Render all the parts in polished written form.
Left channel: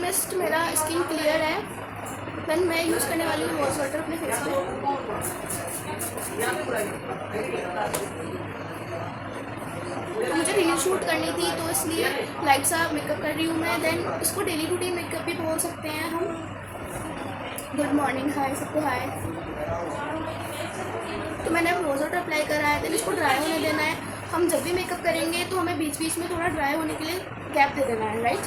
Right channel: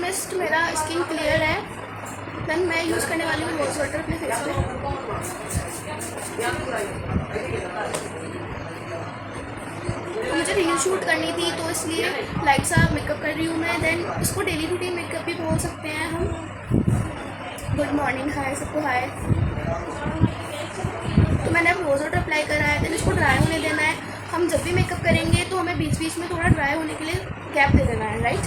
Almost मेरा skin clear है। Then मैं यूज़ करने वाली हूँ रोज़ वाटर अपने फेस पे। तो मुझे रील शूट करनी थी तो इसलिए लाइट सा मेकअप कर रही हूँ मैं। देन इसको डेली रूटीन मेकअप भी बोल सकते हैं हम। गुड मॉर्निंग, हाय सबको हाय। तो मैंने अब रोज़ वाटर अप्लाई करा है। देन इसको ड्राई होने देना है। हम जब भी मेकअप करेंगे तो हमें बीच बीच में थोड़ा ड्राई होने के लिए गैप दे देना है, राइट।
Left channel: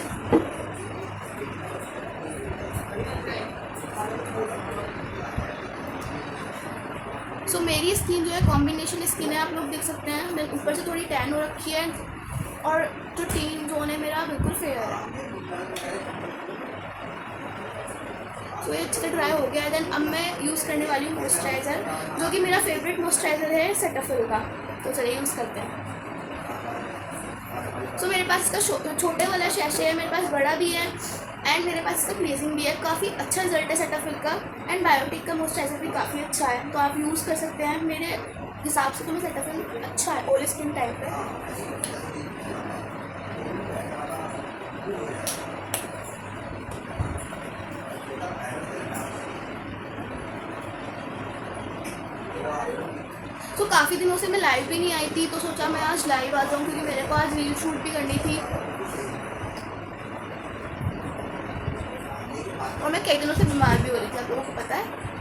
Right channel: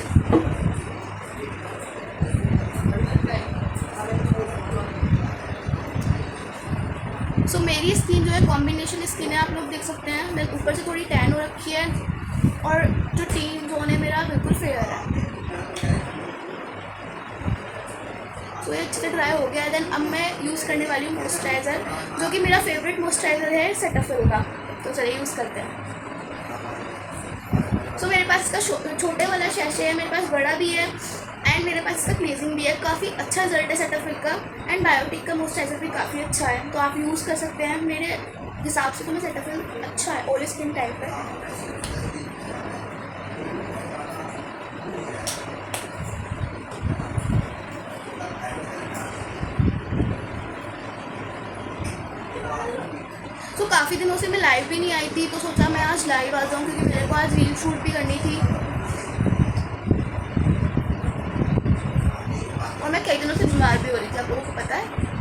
सो मेरी स्किन जो है कॉम्बिनेशन स्किन है, आप लोग देख सकते हैं। देन ऊपर से थोड़ी टैन हो रखी है और जो टीन जोन है मेरा बिल्कुल फेयर है। तो ये अच्छे से ड्राई हो गया है। देन अब मैं यूज़ करने वाली हूँ मॉइस्चराइज़र, जो कि मेरा फेवरेट मॉइस्चराइज़र है सेटाफिल का। तो चलिए यूज़ करते हैं। सो मेरे पास इसका छोटे वाला शैशे है, मेरे पास बड़ा भी है एंड मेरे पास इसका क्लीजिंग भी है। काफ़ी अच्छा रिजल्ट है सेटाफिल का। एंड बायोटिक का मॉइस्चराइज़र भी काफ़ी अच्छा है, तो आप यूज़ कर सकते हैं। मेरे हिसाब से तो मैं सेटाफिल अच्छा है, ऑयल स्किन टाइप है। तो काफ़ी दिनों से मैं लाइव भी नहीं आई थी, तो सोचा मैं आज लाइव आ जाऊँ क्योंकि मेरे को आज रील शूट भी करनी थी और मैं कई दिनों से बीमार भी हो रही थी, आप लोगों को पता है।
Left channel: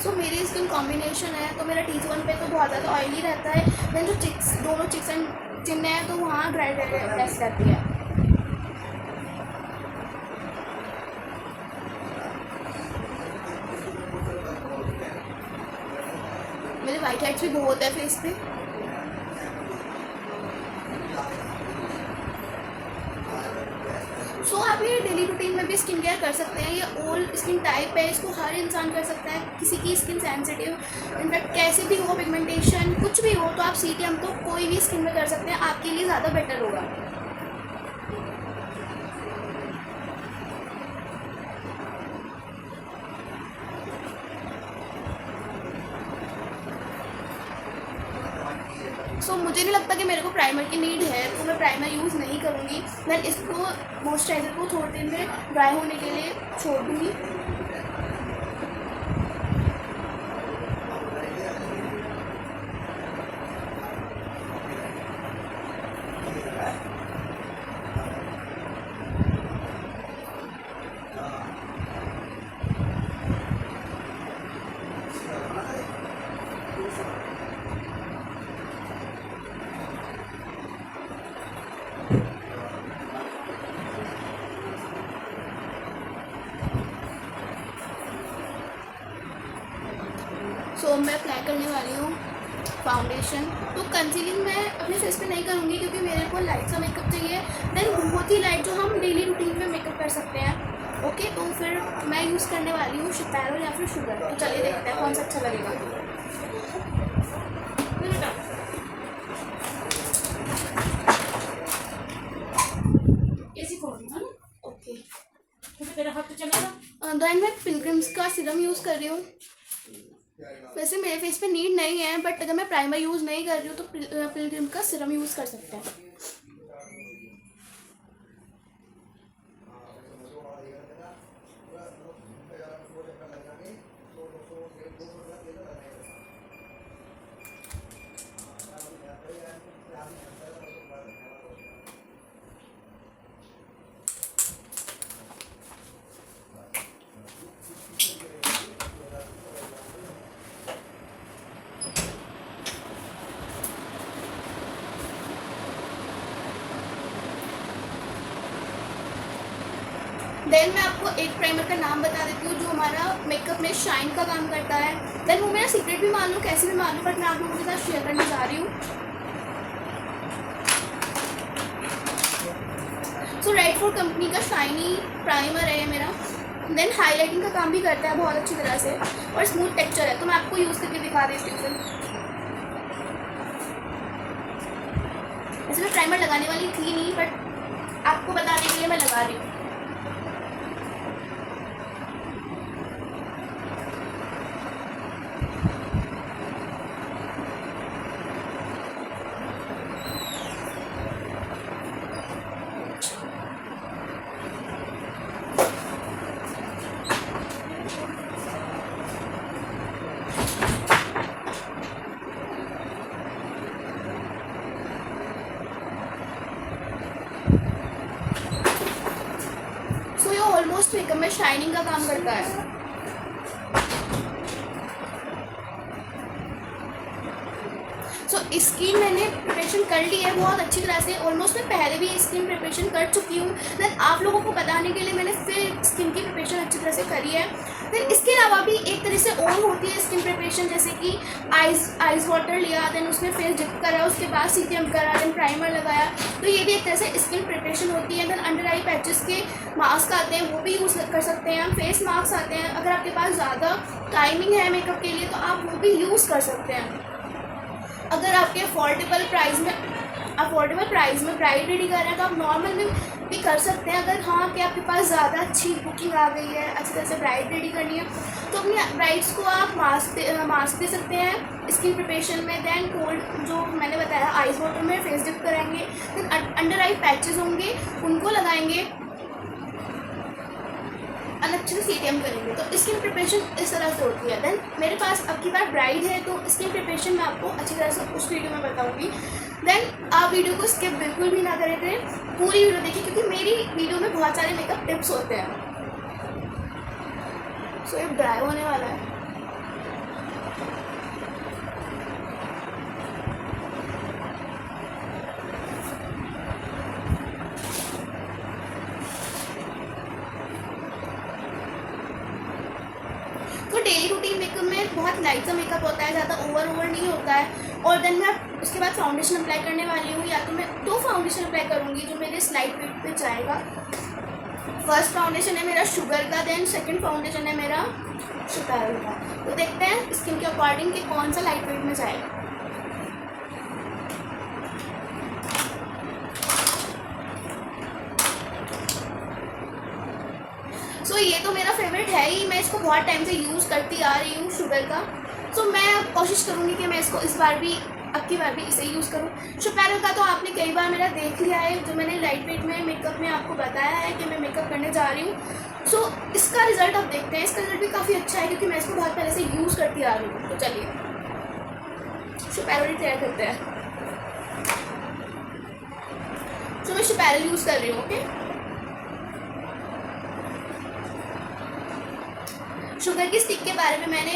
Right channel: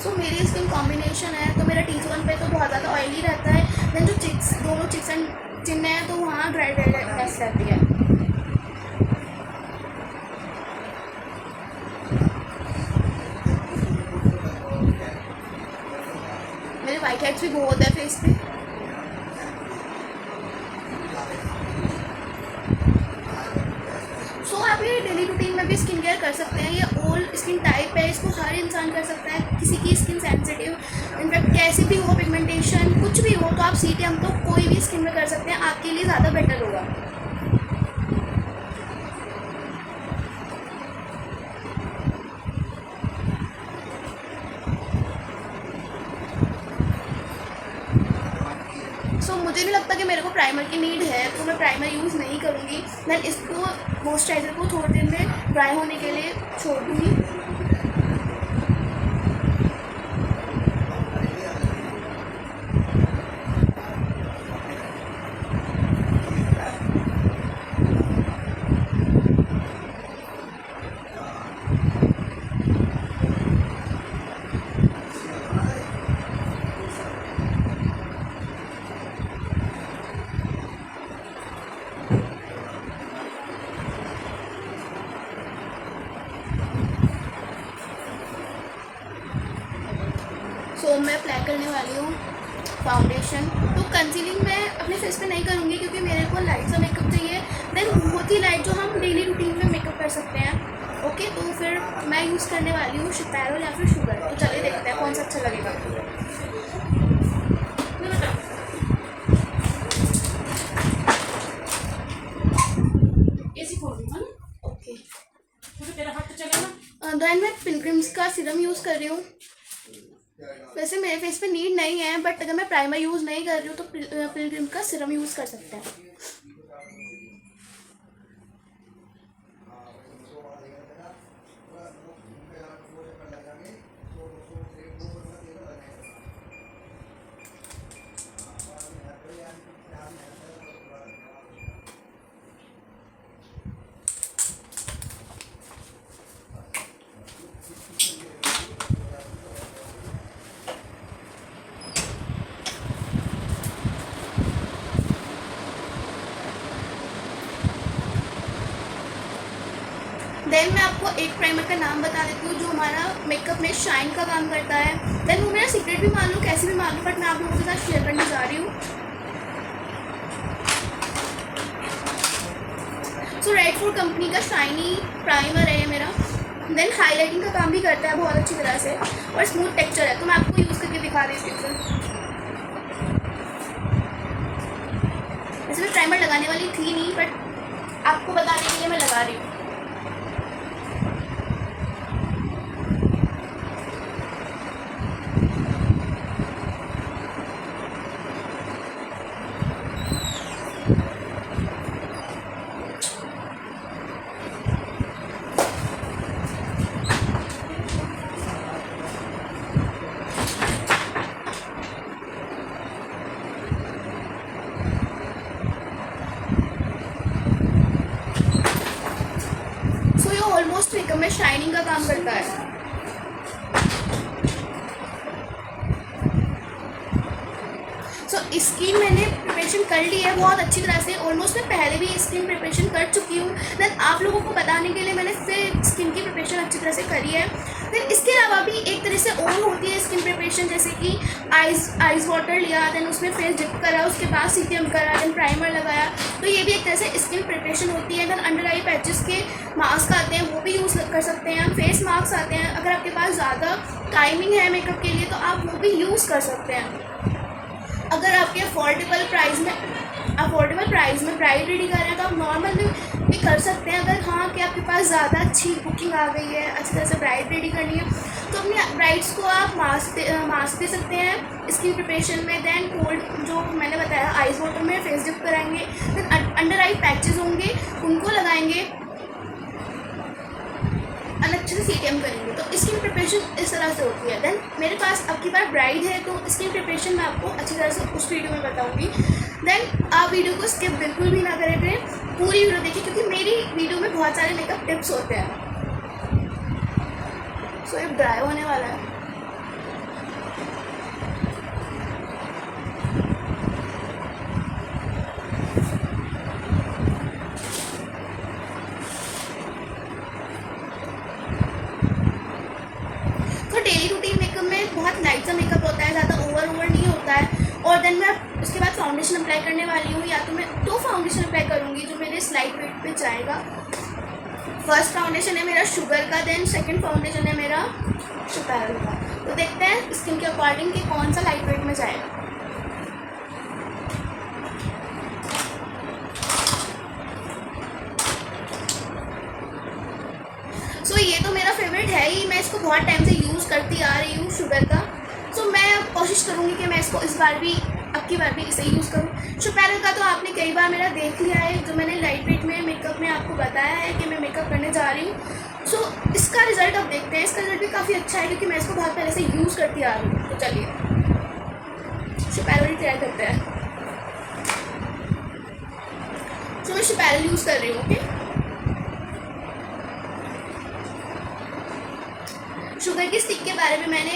सो मेरी स्किन कॉम्बिनेशन है, तो मेरा T1 पे तो बहुत ज़्यादा ऑयली रहता है। देन जो दोनों चिक्स एंड चिन है तो वहाँ ड्राई ड्राईनेस रहती है। मेरे वाइट हेड्स भी बहुत है फेस पे। सो आप ये डेली रूटीन में भी स्किन केयर कर सकते हैं। ये ऑल स्किन टाइप है, इसको हर इंसान कर सकता है। किसी की स्किन सेंसिटिव, इनफैक्ट कैसी भी हो, पिगमेंटेशन कुछ भी हो, तो आप CTM तो कोई भी स्किन में कर सकते हैं, आपके लिए ज़्यादा बेटर होगा। सो मुझे नहीं लगता कि मेरे को प्राइमर की नीड है, तो मैं प्राइमर यूज़ नहीं करूँगी। देन इसको मॉइस्चराइज़र को थोड़ी देर में ड्राई होने के लिए छोड़ दूँगी। सो मैं अप्लाई करने वाली हूँ फाउंडेशन। तो कंसीलिंग मैं अपने फेस पे नहीं करूँगी क्योंकि मेरे को लाइट सा मेकअप चाहिए। देन बहुत ही लाइट जो हम डेली रूटीन में मेकअप कर सकते हैं। ओके, तो फिर मैं यूज़ करने वाली हूँ शितारोल या फिर शुगर। तो चलिए देखते हैं कौन सा अच्छा लगेगा। ओके, देन मैं पिलग्रिम्स का सीरम यूज़ कर रही हूँ। वैसे मेरे फेस पे नीड नहीं है, बट अगर मैं प्राइमर यूज़ नहीं कर रही हूँ तो पिलग्रिम का सीरम यूज़ कर सकते हैं। देन मैं आपको एक प्राइमर का नाम बता देती हूँ जो हमारा मेकअप में शाइन का काम करता है। देन वो मेरा सीक्रेट भी मान लो, कैसे भी मान लो, बट मैं आप लोगों के साथ शेयर करने जा रही हूँ। सो रेड फॉर कंपनी का शाइनी प्राइमर है ये मेरा। देन हाईलाइटिंग का काम भी करता है बहुत अच्छी तरह से और स्मूथ टेक्सचर है। तो मैं आपको यूज़ करके दिखा देती हूँ। वैसे मैं प्राइमर लगाने वाली थी नहीं, बट आपको बताने के लिए मैं लगा रही हूँ। ऑलमोस्ट मेकअप में शाइनिंग का काम करता है। सो स्किन मैंने प्रिपरेशन कर ली है बहुत अच्छी तरह से, ऑलमोस्ट मैं पहले भी स्किन प्रिपरेशन कर चुकी हूँ। देन आप लोगों को बताने के लिए मैंने फिर स्किन की प्रिपरेशन अच्छी तरह से करी है। देन इसके अलावा भी एक तरह से और होती है स्किन प्रिपरेशन, जैसे कि आइस वाटर लिया, देन उसमें फेस डिप करा, उसके बाद सीरम करा, देन प्राइमर लगाया, तो ये भी एक तरह से स्किन प्रिपरेशन होती है। देन अंडर आई पैचेस के मास्क आते हैं, वो भी यूज़ कर सकते हैं हम। फेस मास्क आते हैं, अगर आपके पास ज़्यादा टाइमिंग है मेकअप के लिए तो आप वो भी यूज़ कर सकते हैं। अगर आपके अफोर्डेबल प्राइस में ब्राइड रेडी कर रहे हैं तो आप नॉर्मल भी कर सकते हैं। अगर हाँ कि आपके पास ज़्यादा अच्छी बुकिंग आ गई है, अच्छी तरह से ब्राइड रेडी करनी है, तो अपनी ब्राइड्स को आप मास्क दे सकते हैं स्किन प्रिपरेशन में। देन कोल्ड जो मैंने बताया आइस वाटर में फेस डिप कराएंगे, देन अंडर आई पैचेस होंगे उनको लगाएंगे, अच्छे से सीटीएम करेंगे। तो स्किन प्रिपरेशन इस तरह से होती है। देन मेरे पास अब की बार ब्राइड है तो स्किन प्रिपरेशन मैं आपको अच्छी तरह से उस वीडियो में बताऊंगी। देन आप वीडियो को स्किप बिल्कुल भी ना करें थे, पूरी वीडियो देखिए, क्योंकि मेरी वीडियो में बहुत सारे मेकअप टिप्स होते हैं। सो ये ड्राई होने वाला है। डेली रूटीन मेकअप में बहुत लाइट सा मेकअप होता है, ज़्यादा ओवर नहीं होता है। और देन मैं उसके बाद फाउंडेशन अप्लाई करने वाली हूँ, या तो मैं 2 फाउंडेशन अप्लाई करूँगी जो मेरे स्लाइट वेट पे जाएगा। फर्स्ट फाउंडेशन है मेरा शुगर का, देन सेकंड फाउंडेशन है मेरा शुपैरल का। तो देखते हैं स्किन के अकॉर्डिंग कि कौन सा लाइट वेट में जाएगा। सो ये तो मेरा फेवरेट है ही, मैं इसको बहुत टाइम से यूज़ करती आ रही हूँ शुगर का। सो मैं कोशिश करूँगी कि मैं इसको इस बार भी, अब की बार भी इसे यूज़ करूँ। शुपैरल का तो आपने कई बार मेरा देख लिया है, जो मैंने लाइट वेट में मेकअप में आपको बताया है कि मैं मेकअप करने जा रही हूँ। सो इसका रिज़ल्ट अब देखते हैं। इसका रिज़ल्ट भी काफ़ी अच्छा है क्योंकि मैं इसको बहुत पहले से यूज़ करती आ रही हूँ। तो चलिए शुपैरल तैयार करते हैं। सो मैं शुपैरल यूज़ कर रही हूँ। ओके, शुगर की स्टिक के बारे में मैंने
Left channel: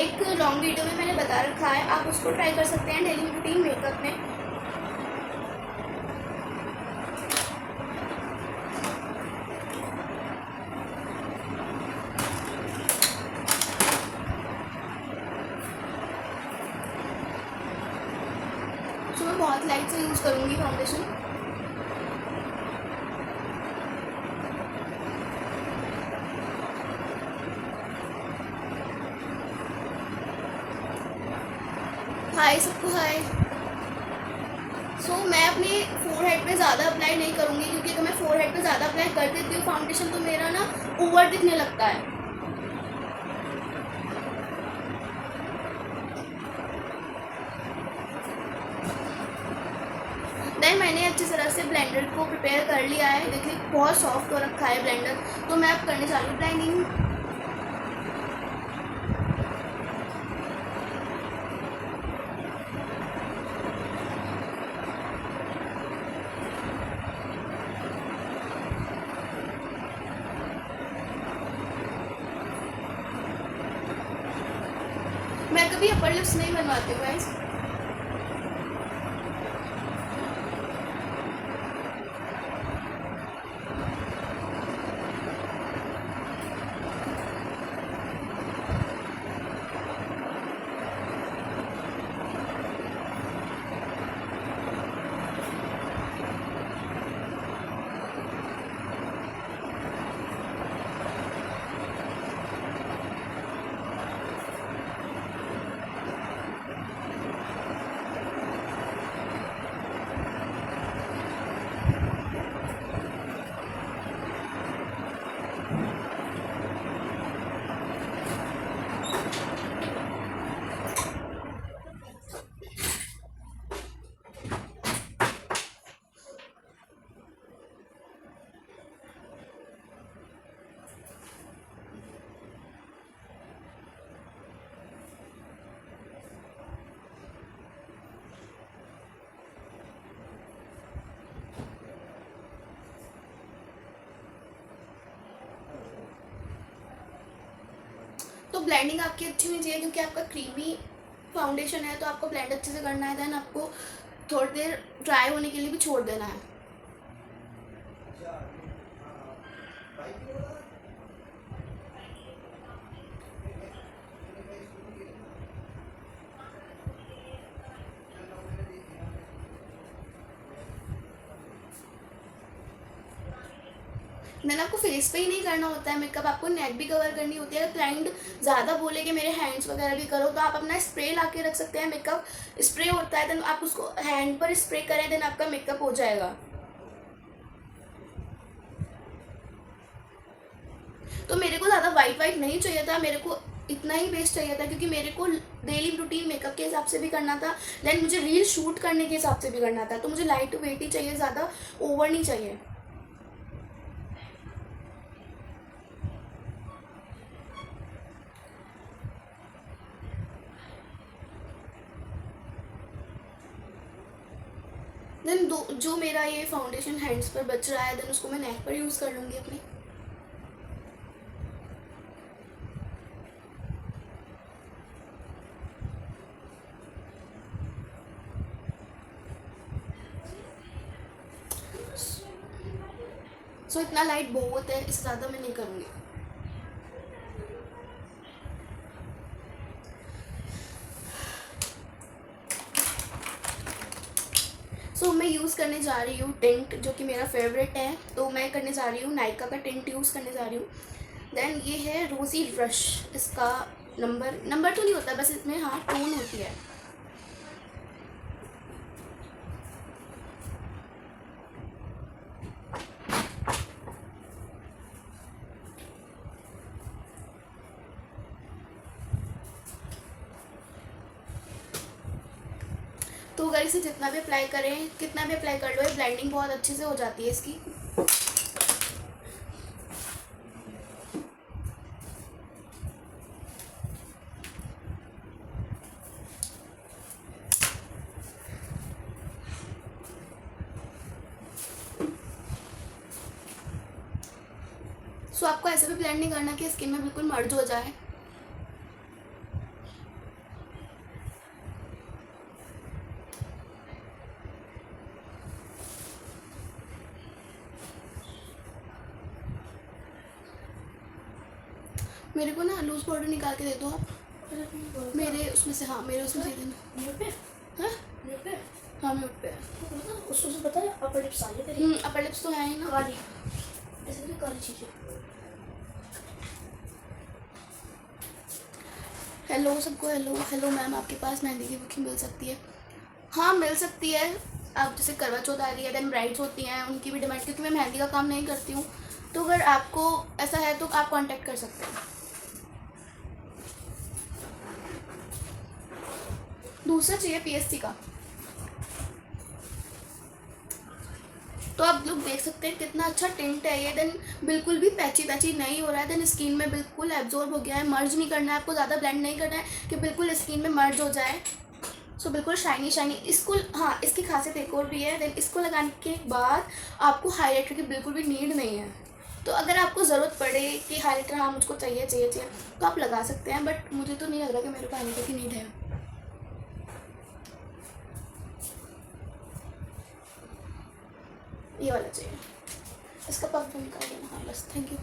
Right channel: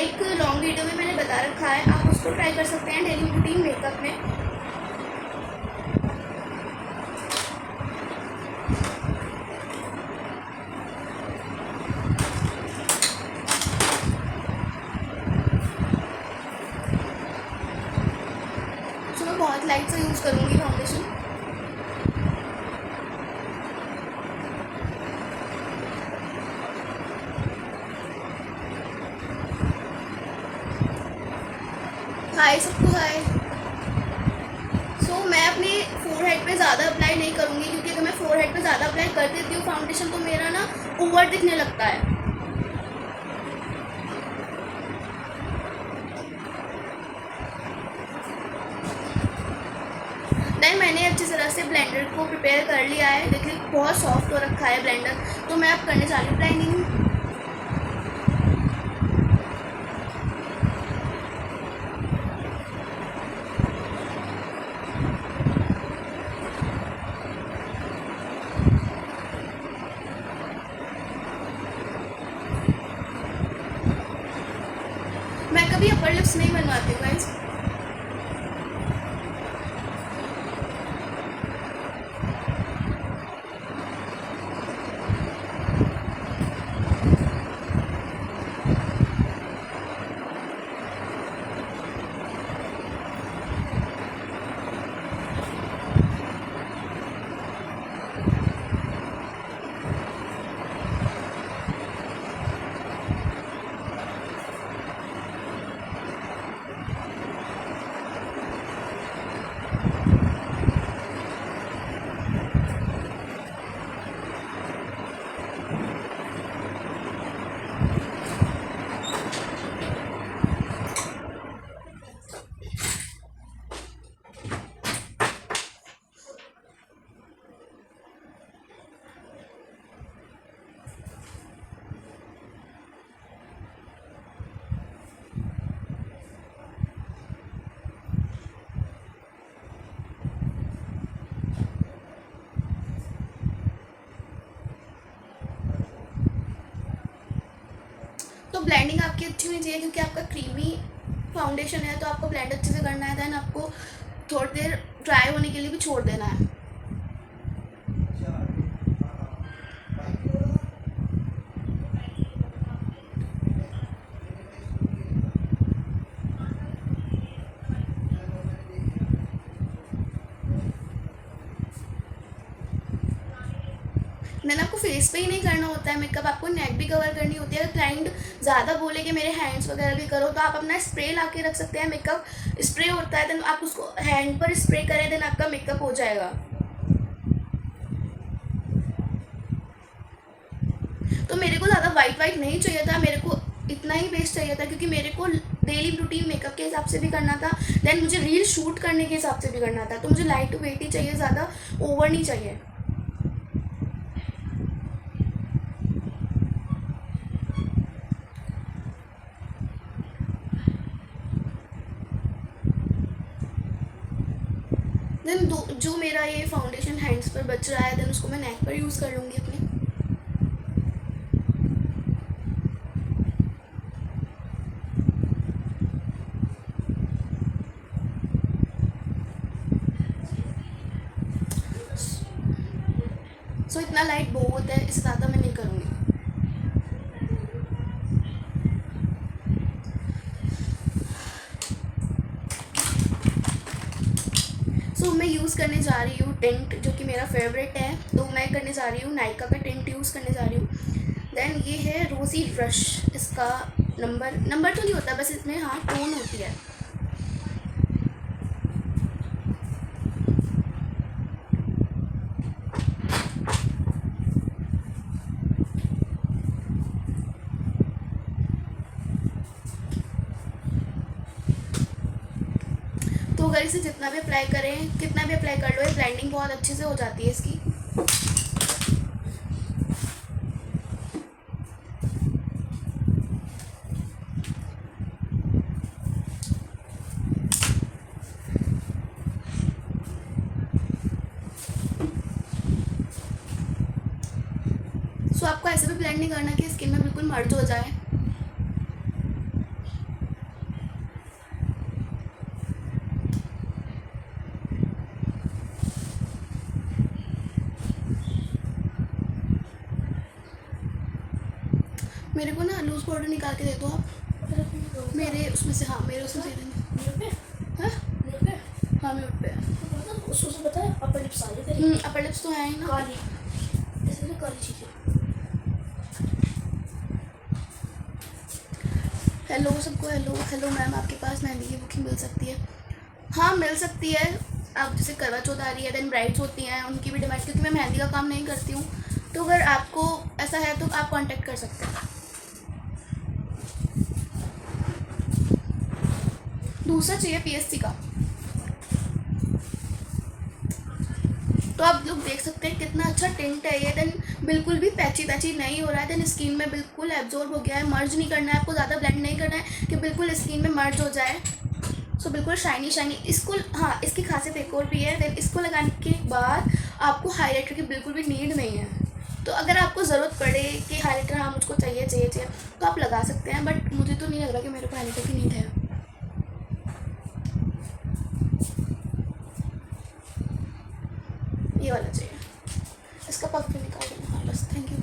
एक लॉन्ग वीडियो में मैंने बता रखा है, आप उसको ट्राई कर सकते हैं डेली रूटीन मेकअप में। तो मैं बहुत लाइट से यूज़ करूँगी फाउंडेशन। हाय सबको हाय। सो मैं अपनी फोरहेड पे ज़्यादा अप्लाई नहीं करूँगी, क्योंकि अगर मैं फोरहेड पे ज़्यादा अप्लाई कर देती हूँ फाउंडेशन तो मेरा ना ओवर दिखने लगता है। देन मैंने अच्छी तरह से ब्लेंडर को प्रिपेयर कर लिया है, देखिए बहुत सॉफ्ट हो रखा है ब्लेंडर। तो मैं अब करने जा रही हूँ ब्लेंडिंग। मैं कभी अपर लिप्स नहीं बनवाती हूँ गाइस। तो ब्लेंडिंग आपकी अच्छी होनी चाहिए क्योंकि आपका क्रीमी फाउंडेशन है, तो आपको ब्लेंड अच्छे से करना है। देन आपको थोड़ी देर ड्राई होने के लिए भी छोड़ देना है। देन आपको फेस पे ही नहीं करना होता है मेकअप, आपको नेक भी कवर करनी होती है। अगर क्लाइंट ज़्यादा बोले कि मेरे हैंड्स वगैरह भी करो, तो आप अपना स्प्रे ला के रख सकते हैं। मेकअप स्प्रे होता है, देन आप उसको हैंड पर स्प्रे करें, देन आपका मेकअप हो जाएगा। तो मेरे को ज़्यादा वाइट नहीं चाहिए था, मेरे को इतना ही बेस चाहिए था क्योंकि मेरे को डेली रूटीन मेकअप के हिसाब से भी करना था, देन मुझे रील शूट करने के हिसाब से भी करना था। तो मुझे लाइट वेट ही चाहिए, ज़्यादा ओवर नहीं चाहिए। देन जो मेरा ये फाउंडेशन हैंड्स पर बच रहा है, देन उसको मैं नेक पर यूज़ कर लूँगी अपने। सो इतना लाइट बहुत है, इससे ज़्यादा मैं नहीं करूँगी। सो मैं यूज़ करने जा रही हूँ टिंट, जो कि मेरा फेवरेट है। तो मैं करने जा रही हूँ नायका का टिंट यूज़ करने जा रही हूँ। देन ये है रोज़ी रश, इसका नंबर तो नहीं होता, बस इसमें हाँ टोन होती है। तो अगर इसे जितना भी अप्लाई करें, कितना भी अप्लाई कर लो, ये ब्लेंडिंग बहुत अच्छे से हो जाती है इसकी। सो आपको ऐसे भी ब्लेंड नहीं करना कि स्किन में बिल्कुल मर्ज हो जाए। मेरे को ना लूज पाउडर निकाल के दे दो आप, मेरे उसमें से। हाँ मेरे उसमें से हाँ हाँ म्यूट पे है। उसको से पता है अपर लिप्स आ गए तेरे। अपर लिप्स तो है ही ना, काली, ऐसे भी काली चीज़ें। हेलो सबको, हेलो मैम, आपके पास मेहंदी की बुकिंग मिल सकती है? हाँ मिल सकती है। अब जैसे करवा चौथ आ रही है, देन ब्राइड्स होती हैं, उनकी भी डिमांड, क्योंकि मैं मेहंदी का काम नहीं करती हूँ। तो अगर आपको ऐसा है तो आप कांटेक्ट कर सकते हैं। दूसरा चाहिए पीएससी का। तो आप लोग देख सकते हैं कितना अच्छा टिंट है ये। देन बिल्कुल भी पैची नहीं हो रहा है, देन स्किन में बिल्कुल एब्जॉर्ब हो गया है। मर्ज नहीं करना है आपको, ज़्यादा ब्लेंड नहीं करना है कि बिल्कुल स्किन में मर्ज हो जाए। सो बिल्कुल शाइनी। इसको हाँ, इसकी खासियत एक और भी है, देन इसको लगाने के बाद आपको हाईलाइटर की बिल्कुल भी नीड नहीं है। तो अगर आपको ज़रूरत पड़े कि हाईलाइटर हाँ मुझको चाहिए तो आप लगा सकते हैं, बट मुझे तो नहीं लग रहा कि मेरे को हाईलाइटर की नीड है। ये वाला चाहिए, इसका पफ भी निकाल देना। हाँ बस, थैंक यू।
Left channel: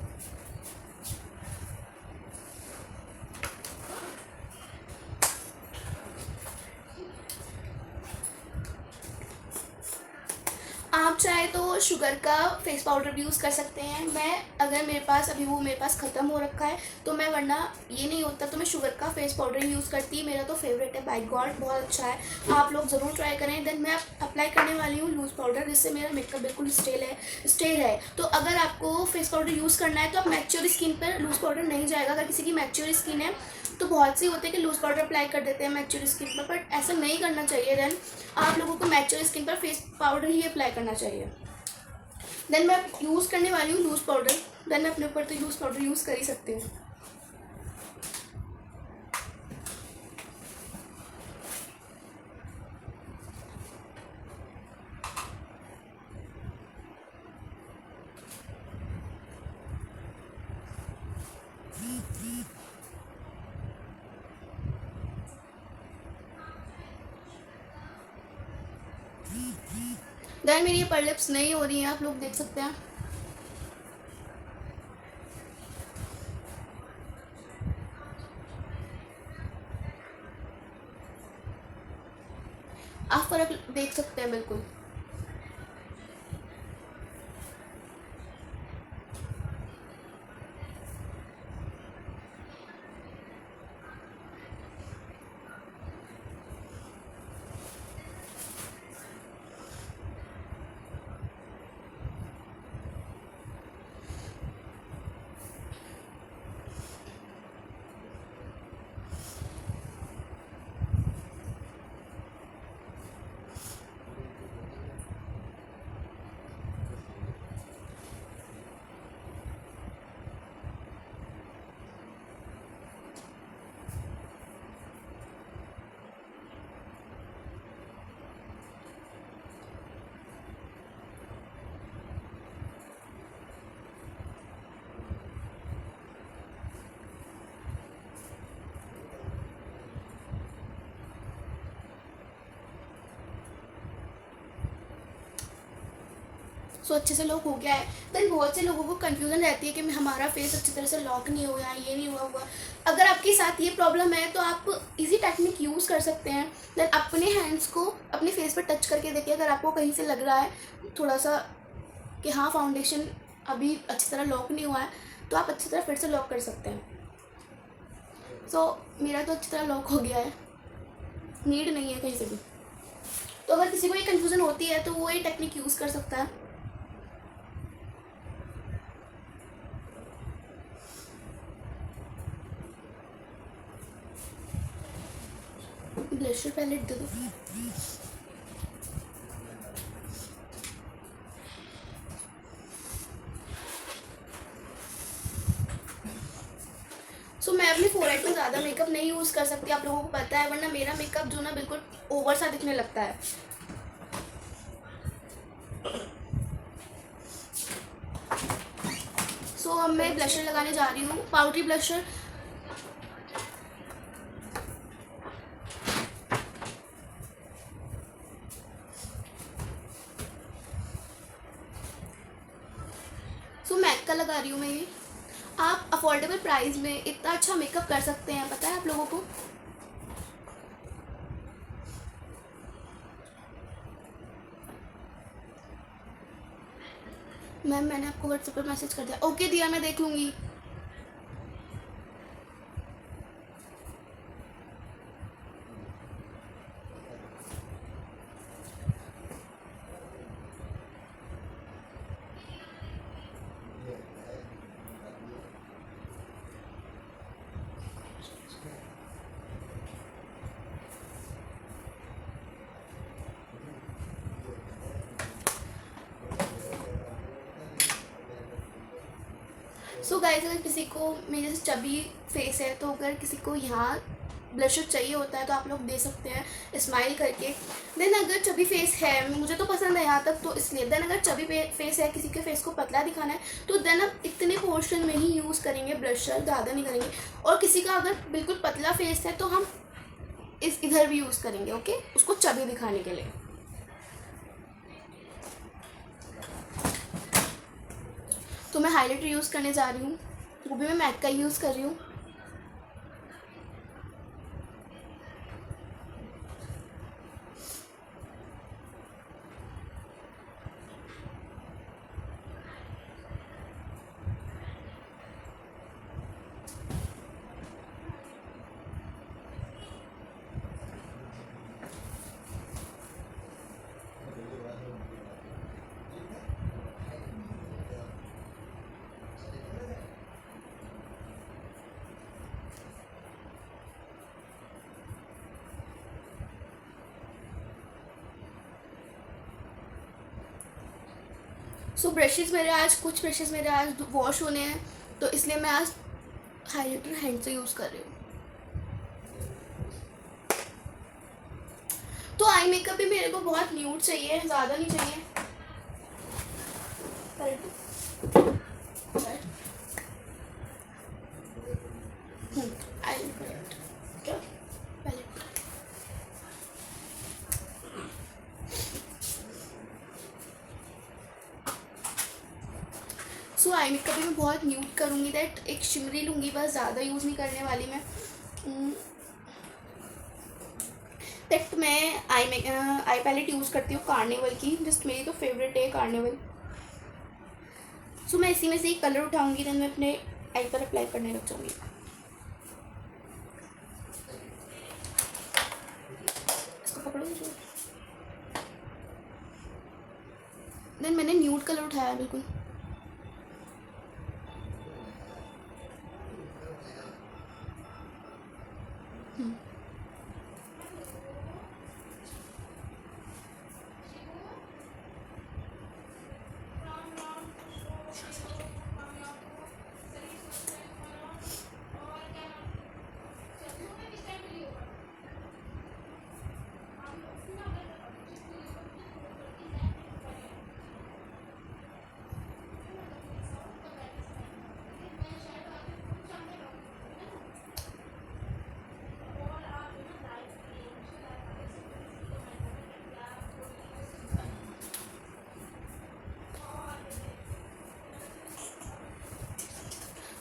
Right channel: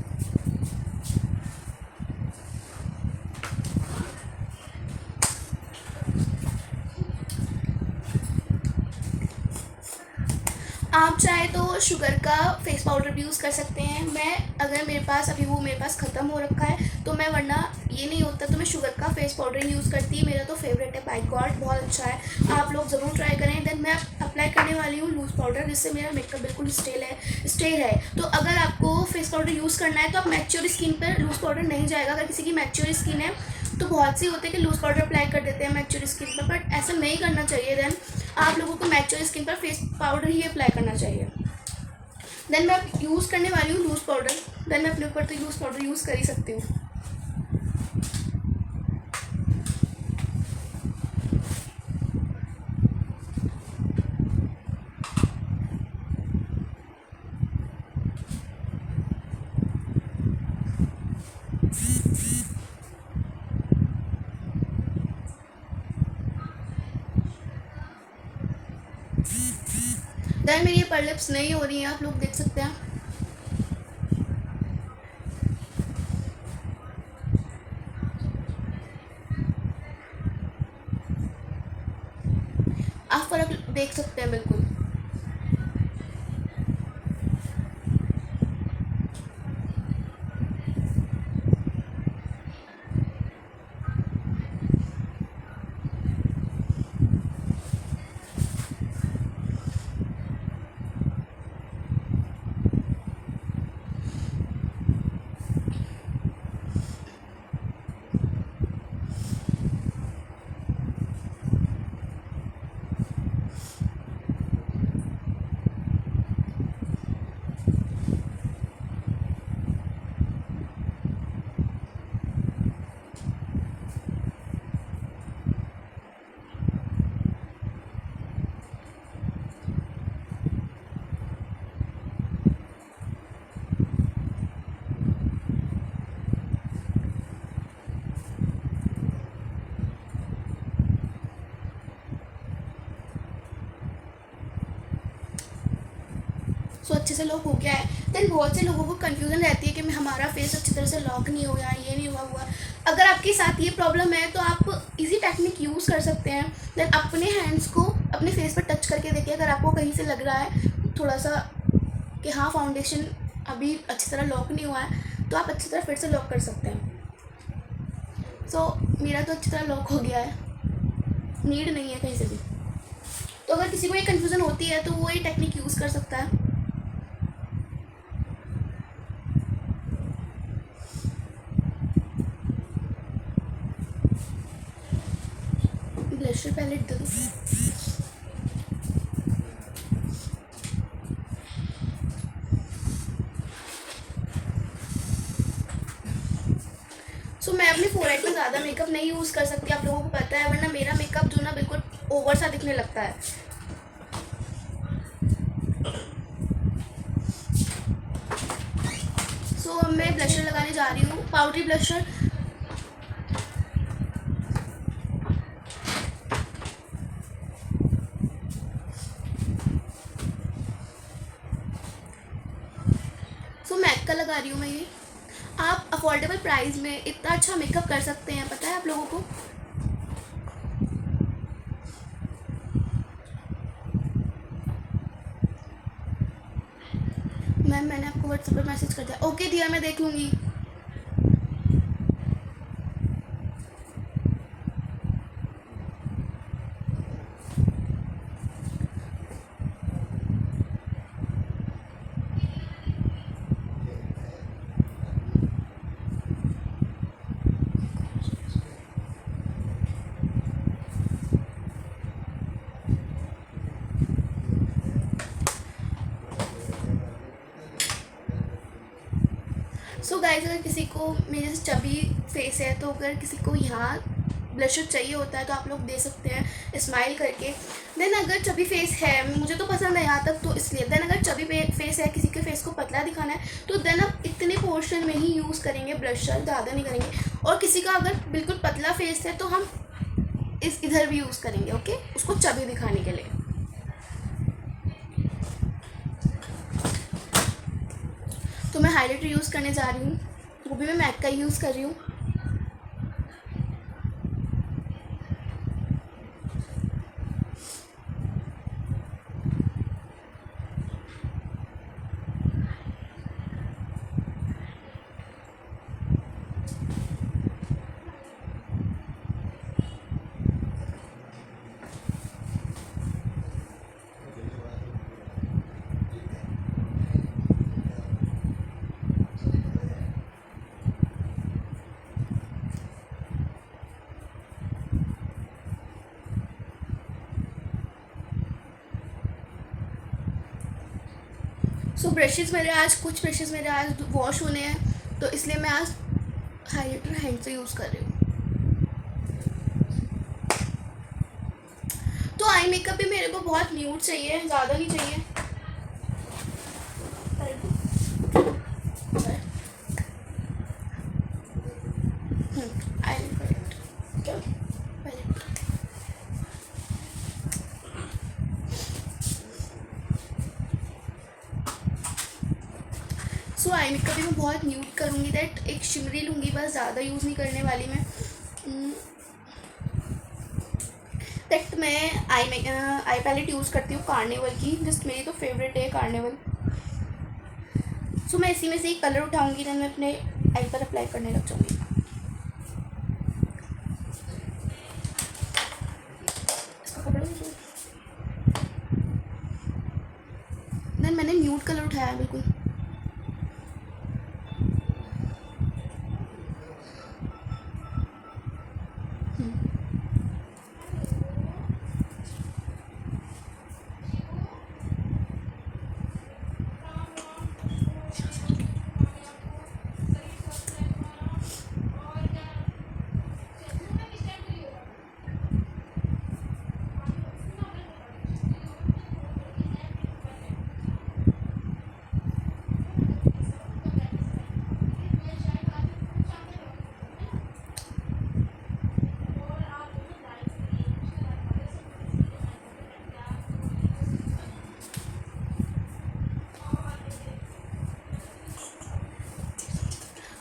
आप चाहे तो शुगर का फेस पाउडर भी यूज़ कर सकते हैं। मैं अगर मेरे पास अभी वो मेरे पास ख़त्म हो रखा है तो मैं, वरना ये नहीं होता तो मैं शुगर का फेस पाउडर ही यूज़ करती है। मेरा तो फेवरेट है, बाय गॉड बहुत अच्छा है, आप लोग ज़रूर ट्राई करें। देन मैं अप्लाई करने वाली हूँ लूज़ पाउडर, जिससे मेरा मेकअप बिल्कुल स्टे है। तो अगर आपको फेस पाउडर यूज़ करना है तो आप मैच्योर स्किन पर लूज़ पाउडर नहीं जाएगा। अगर किसी की मैच्योर स्किन है तो बहुत सी होते हैं कि लूज़ पाउडर अप्लाई कर देते हैं मैच्योर स्किन पर, बट ऐसा नहीं करना चाहिए। देन आप लोगों को मैच्योर स्किन पर फेस पाउडर ही अप्लाई करना चाहिए। देन मैं यूज़ करने वाली हूँ लूज़ पाउडर। देन मैं अपने ऊपर तो लूज़ पाउडर यूज़ कर ही सकती हूँ। देन मेरी ये पर लिप्स नहीं हो रही हैं, आप लोग देख सकते हैं। आप फर्क देख सकते हैं बिल्कुल। सो अच्छे से लॉक हो गया है। देन बहुत से लोगों को कन्फ्यूज़न रहती है कि हमारा फेस अच्छी तरह से लॉक नहीं हुआ है, ये नहीं हुआ। अगर आपके साथ ये प्रॉब्लम है तो आप इजी टेक्निक यूज़ कर सकते हैं। देन अपने हैंड्स को अपने फेस पर टच करके देखिए, अगर आपको कहीं से लग रहा है थोड़ा सा कि हाँ फाउंडेशन अभी अच्छी तरह लॉक नहीं हुआ है, तो आप अच्छी तरह फिर से लॉक कर सकते हैं। सो मेरा तो अच्छी तरह लॉक हो गया है, नीड नहीं है कहीं से भी। तो अगर किसी को ये कन्फ्यूज़न होती है तो वो ये टेक्निक यूज़ कर सकता है। ब्लशर पैलेट दे दो। सो मैं अपने फोरहेड पे ज़्यादा मेकअप नहीं यूज़ कर सकती, आप लोगों को पता है, वरना मेरा मेकअप जो ना बिल्कुल ओवर सा दिखने लगता है। सो अब मैं ब्लशर लगाने जा रही हूँ, पाउडरी ब्लशर। सो मैक का लगा रही हूँ मैं ये। आप अफोर्डेबल प्राइस में इतना अच्छा मेकअप कर सकते हैं, पता है आप लोगों को। मैम मैंने आपको व्हाट्सएप पर मैसेज कर दिया। ओके दिया, मैं देख लूँगी। सो गाइस, अगर किसी को मेरे जैसे चबी फेस है तो अगर किसी को यहाँ ब्लशर चाहिए होता है तो आप लोग दे सकते हैं स्माइल करके। देन अगर चबी फेस है, मुझे तो पसंद है यहाँ तक तो इसलिए। देन अगर चबी फेस है, किसी के फेस को पतला दिखाना है, तो देन आप इतने पोर्शन में ही यूज़ करेंगे ब्लशर, ज़्यादा नहीं करेंगे। और किसी का अगर बिल्कुल पतला फेस है तो हम इधर भी यूज़ करेंगे, ओके, उसको चबी दिखाने के लिए। तो मैं हाइलाइटर यूज़ करने जा रही हूँ, वो भी मैं मैक का यूज़ कर रही हूँ। सो ब्रशेज़ मेरे आज कुछ ब्रशेज़ मेरे आज वॉश होने हैं, तो इसलिए मैं आज हाइलाइटर हैंड से यूज़ कर रही हूँ। तो आई मेकअप भी मेरे को बहुत न्यूड चाहिए, ज़्यादा नहीं चाहिए। क्या आई मेकअप भी मैं बहुत न्यूड करूँगी, दैट एक शिमरी लूँगी बस, ज़्यादा यूज़ नहीं करने वाली मैं। दैट मैं आई पैलेट यूज़ करती हूँ कार्निवल की, जस्ट मेरी तो फेवरेट है कार्निवल। सो मैं इसी में से एक कलर उठाऊँगी, देन मैं अपने आई पर अप्लाई करने लग जाऊँगी। देन मैंने न्यूड कलर उठाया है बिल्कुल।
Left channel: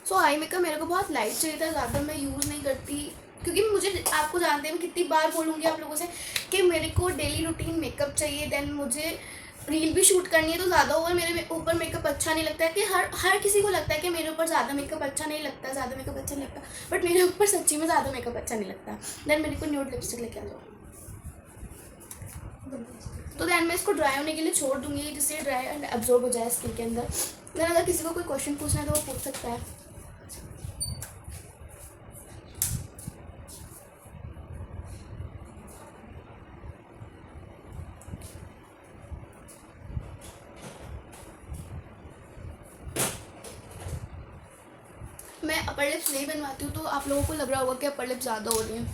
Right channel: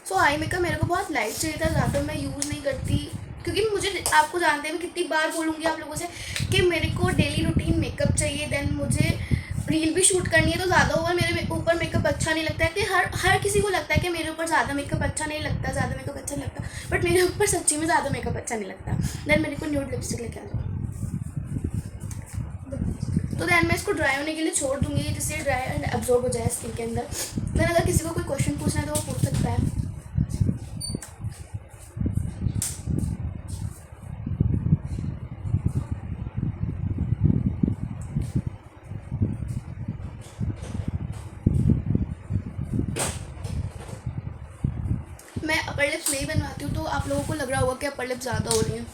सो आई मेकअप मेरे को बहुत लाइट चाहिए था, ज़्यादा मैं यूज़ नहीं करती, क्योंकि मुझे, आपको जानते हैं मैं कितनी बार बोलूँगी आप लोगों से कि मेरे को डेली रूटीन मेकअप चाहिए। देन मुझे रील भी शूट करनी है, तो ज़्यादा ओवर मेरे ऊपर मेकअप अच्छा नहीं लगता है। कि हर किसी को लगता है कि मेरे ऊपर ज़्यादा मेकअप अच्छा नहीं लगता, ज़्यादा मेकअप अच्छा नहीं लगता, बट मेरे ऊपर सच्ची में ज़्यादा मेकअप अच्छा नहीं लगता। देन मेरे को न्यूड लिपस्टिक लेके आ जाओ। तो दैन मैं इसको ड्राई होने के लिए छोड़ दूँगी, जिससे ड्राई एंड एब्जॉर्ब हो जाए स्किन के अंदर। देन अगर किसी को कोई क्वेश्चन पूछना है तो वो पूछ सकता है। मैं अपर लिप्स नहीं बनवाती हूँ, तो आप लोगों को लग रहा होगा कि अपर लिप्स ज़्यादा हो रही हैं।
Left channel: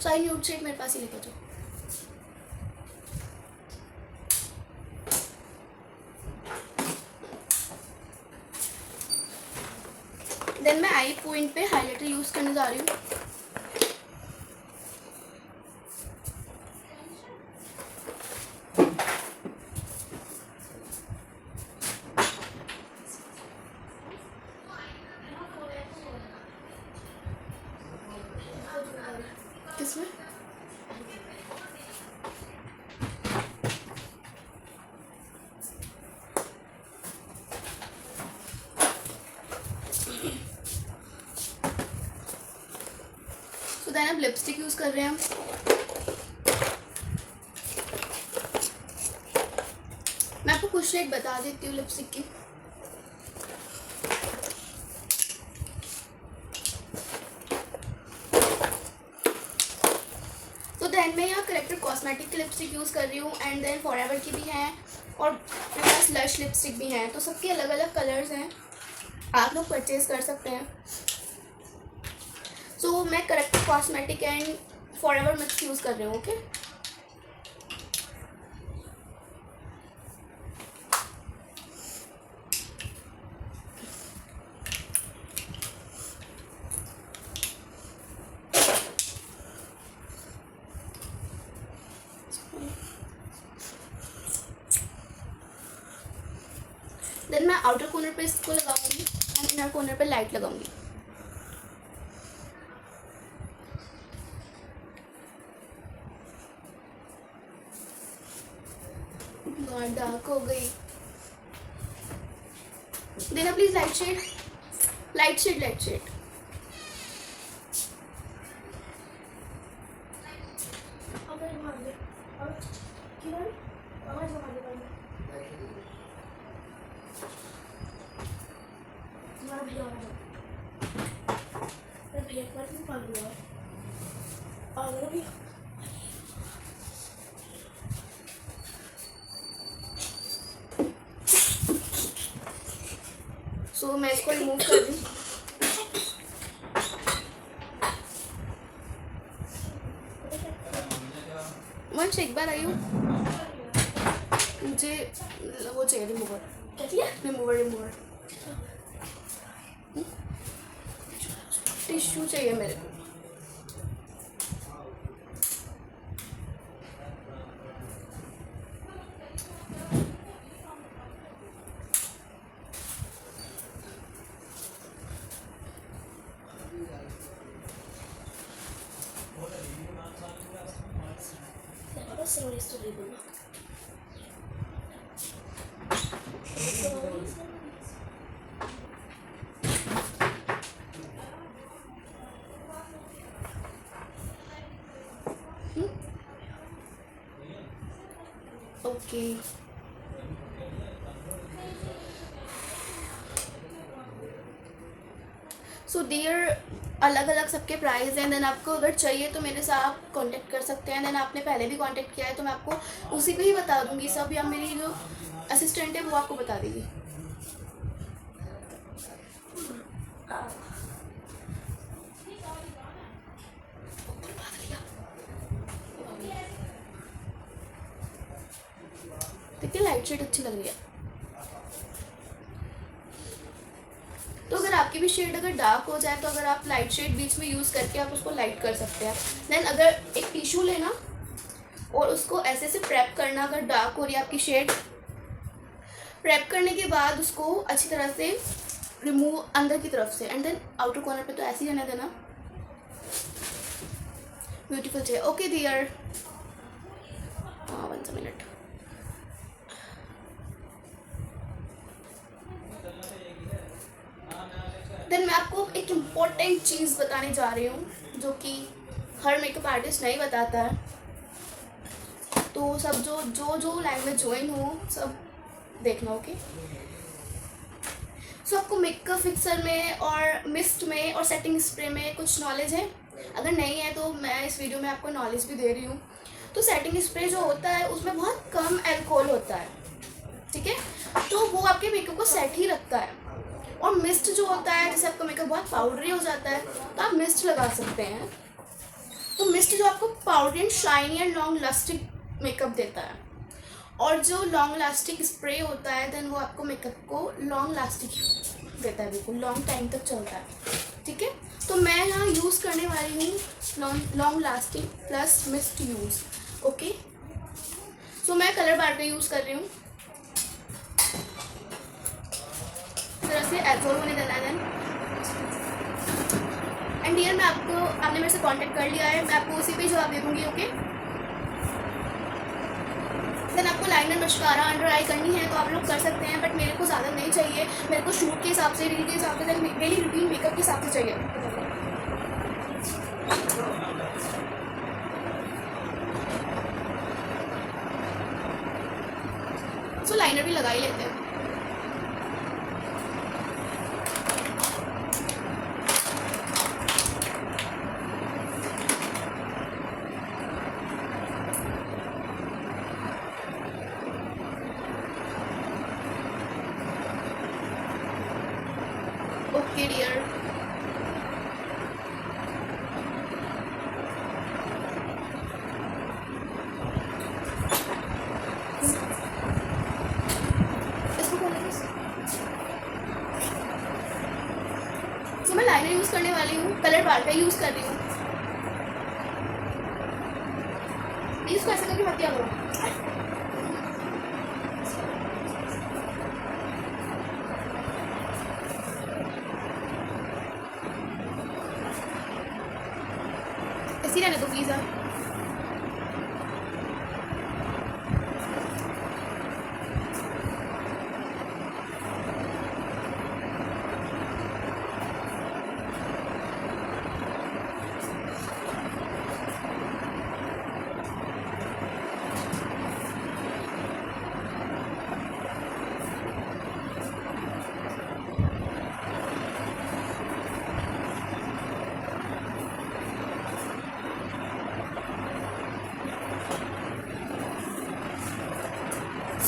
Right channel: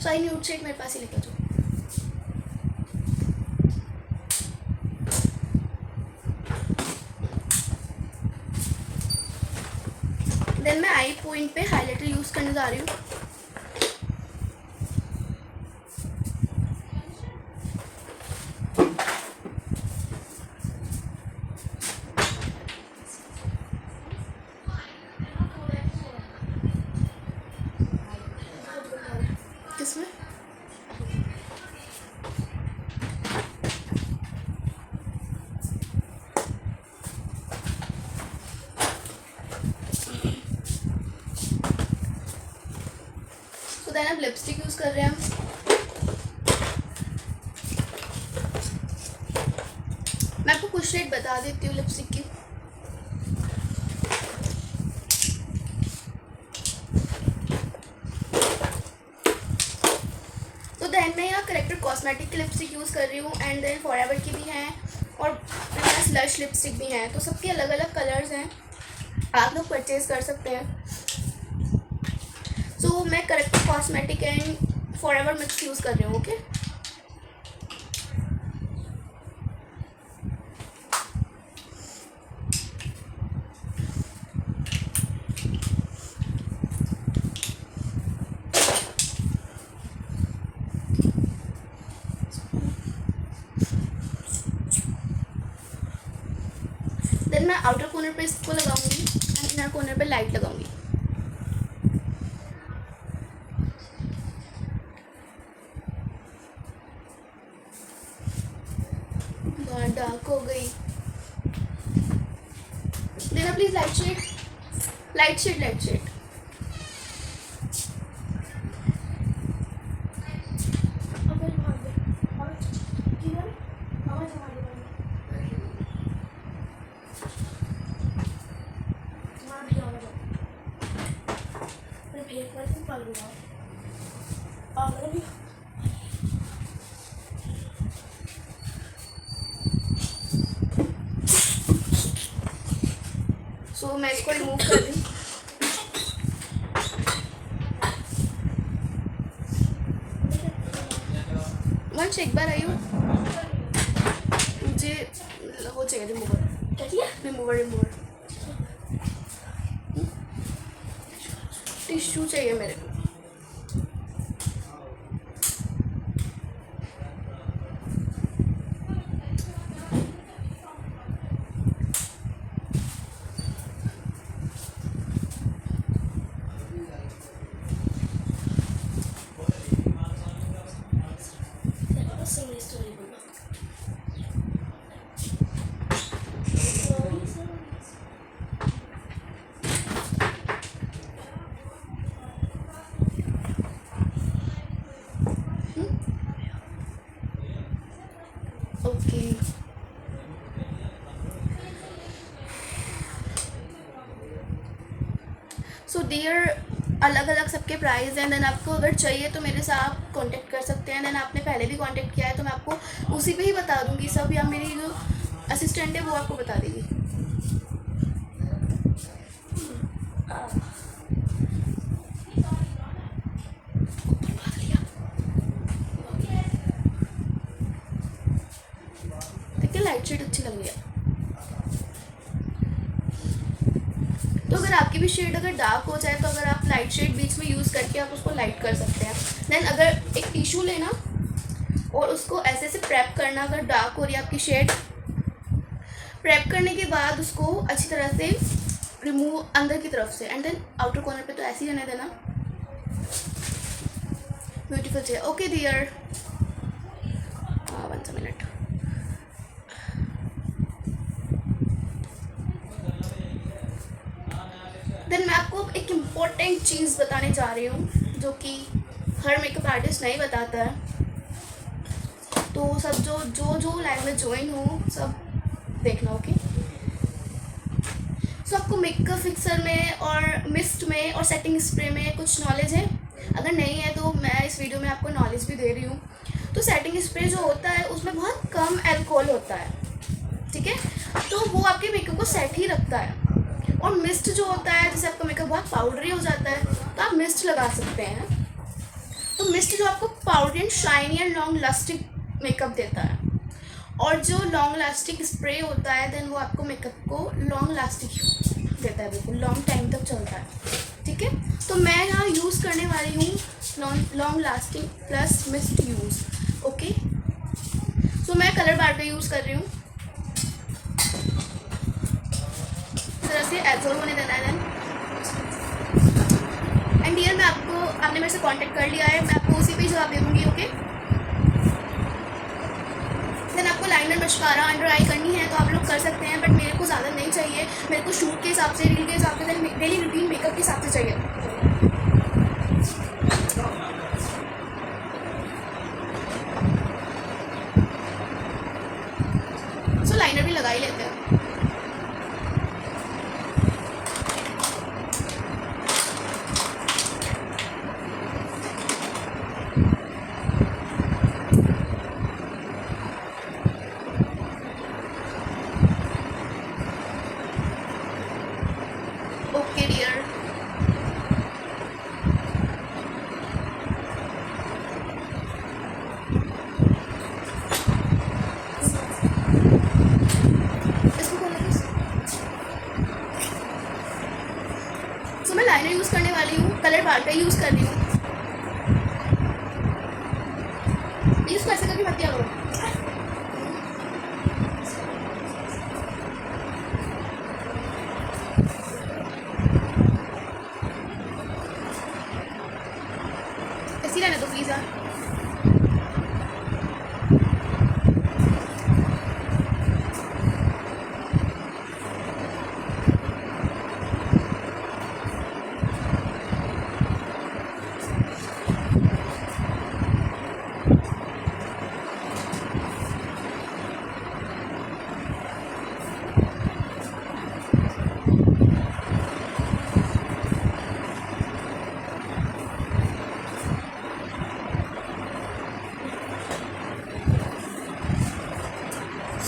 सो आई न्यूड शेड मेरे पास ही लेकर जाओ। देन मैं आई पॉइंट पे हाइलाइटर यूज़ करने जा रही हूँ। किसमें? तो देन अब लिपस्टिक यूज़ कर रहे हैं हम। मैं आपको कुछ शेड बता देती हूँ लिपस्टिक की। तो देन मैं यहाँ करेक्टर कॉस्मेटिक की लिपस्टिक यूज़ कर रही हूँ, एंड देन फॉरएवर की भी हैं और प्लस लश लिपस्टिक भी हैं। तो सबके अलग अलग कलर्स हैं, आप लोग परचेज कर सकते हैं। सो मैं corrector cosmetic and forever mix use कर रही हूँ। ओके, देन मैं आउटर कॉर्नर पे इसको लगाऊंगी एंड इनर कॉर्नर पे लाइट लगाऊंगी। बहुत डार्क हो गई, देखो please light shade, light shade, light shade. So मैं इसको रिमूव कर दूँ। वंश एक बार आई हो, मुझे वो चाहिए रिमूवर। क्या चाहिए? रिमूवर, रिमूवर टिश्यू चाहिए मेरे को। प्लीज तो नहीं बोलना। ओके सो डियर, अलग अलग सबके प्राइस हैं। देन आपको अगर चाहिए तो मेरे से आप कांटेक्ट कर सकते हैं। देन आपने पहले भी कांटेक्ट किया है तो मैं आपको उसी पे ही बता दूंगी सब, या मेरी जो असिस्टेंट है वो आपको बता देगी। देखिए लाइट शेड अच्छी लग रही है। तो अगर आपकी भी शेड अगर डार्क हो जाए तो अगर आप लाइट शेड बीच में यूज़ करके आप उसको लाइट कर सकते हैं। देन अगर एक टिश्यू लेना और उसको ऐसे ऐसे प्रेप करना, अगर डार्क हो रही है आपकी शेड, प्रेप करने के बाद उसको अच्छी तरह से रिमूव अंदर की तरफ से, एंड देन आउटर कॉर्नर पे तो ऐसे ही रहने देना। ब्यूटीफुल चाहिए। Okay dear, 1 minute. देन मैं आपको एक इम्पॉर्टेंट चीज़ बताने जा रही हूँ जो कि हर मेकअप आर्टिस्ट नहीं बताता है। तो सब जो लैंग्वेज ज्वाइन हो सब देखना। ओके सो आपको मेकअप फिक्सर में और मिस्ट में और सेटिंग स्प्रे में कुछ नॉलेज है? अगर नहीं है तो मैं इस वीडियो में आपको नॉलेज भी दे रही हूँ। तो सेटिंग स्प्रे जो होता है उसमें बहुत कम अल्कोहल होता है, ठीक है, तो वो आपके मेकअप को सेट ही रखता है। और मिस्ट जो होता है, जैसे आपका मेकअप बहुत पाउडरी हो जाता है तो आप मिस्ट लगा सकते हैं। तो मिस्ट जो आपको powdery and shiny and long lasting makeup देता है, और जो लॉन्ग लास्टिक स्प्रे होता है देन वो आपको मेकअप को लॉन्ग लास्टिक देता है, बिल्कुल लॉन्ग टाइम तक चलता है, ठीक है। तो मैं यहाँ यूज़ करने वाली हूँ long lasting plus mist use. Okay so मैं कलर बार का यूज़ कर रही हूँ, तरह से एब्जॉर्ब होने देना है। एंड डियर, मैं आपने मेरे से कांटेक्ट कर लिया है, मैं आपको उसी पे जवाब दे दूँगी। ओके देन आपको लाइनर मस्कारा अंडर आई करनी है तो आप लोग कर सकते हैं, बट मेरे को ज़्यादा नहीं चाहिए। मेरे को शूट के हिसाब से, रील के हिसाब से, डेली रूटीन मेकअप के हिसाब से चाहिए। सो लाइनर भी लगा ही लेते हैं। ओके डियर, इसको खोलना बस। सो मैं लाइनर यूज़ करने वाली हूँ, कलर बार का यूज़ कर रही हूँ। इसको ऐसे करके मत किया करो। ऐसी रहने दो प्लीज़ यार।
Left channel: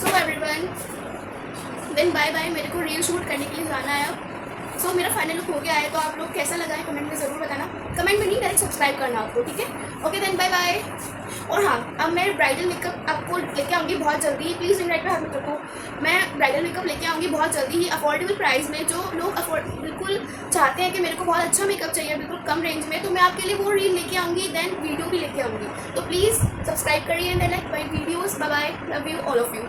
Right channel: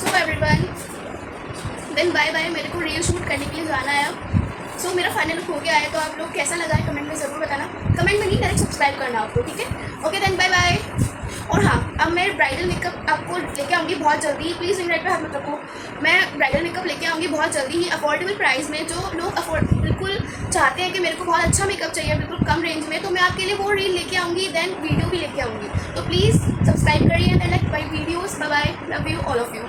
So everyone, then bye bye. मेरे को रील शूट करने के लिए जाना है अब। सो मेरा फाइनल लुक हो गया है, तो आप लोग कैसा लगा है कमेंट में ज़रूर बताना। कमेंट में नहीं, डायरेक्ट सब्सक्राइब करना आपको, ठीक है। Okay then bye bye. और हाँ, अब मैं ब्राइडल मेकअप आपको लेके आऊँगी बहुत जल्दी। प्लीज़ रिंग लाइट पे हाथ मत रखो। मैं ब्राइडल मेकअप लेके आऊँगी बहुत जल्दी ही, अफोर्डेबल प्राइस में। जो लोग बिल्कुल चाहते हैं कि मेरे को बहुत अच्छा मेकअप चाहिए बिल्कुल कम रेंज में, तो मैं आपके लिए वो रील लेके आऊँगी, देन वीडियो भी लेके आऊँगी। तो प्लीज़ सब्सक्राइब करिए and like my videos. Bye bye, love you all of you.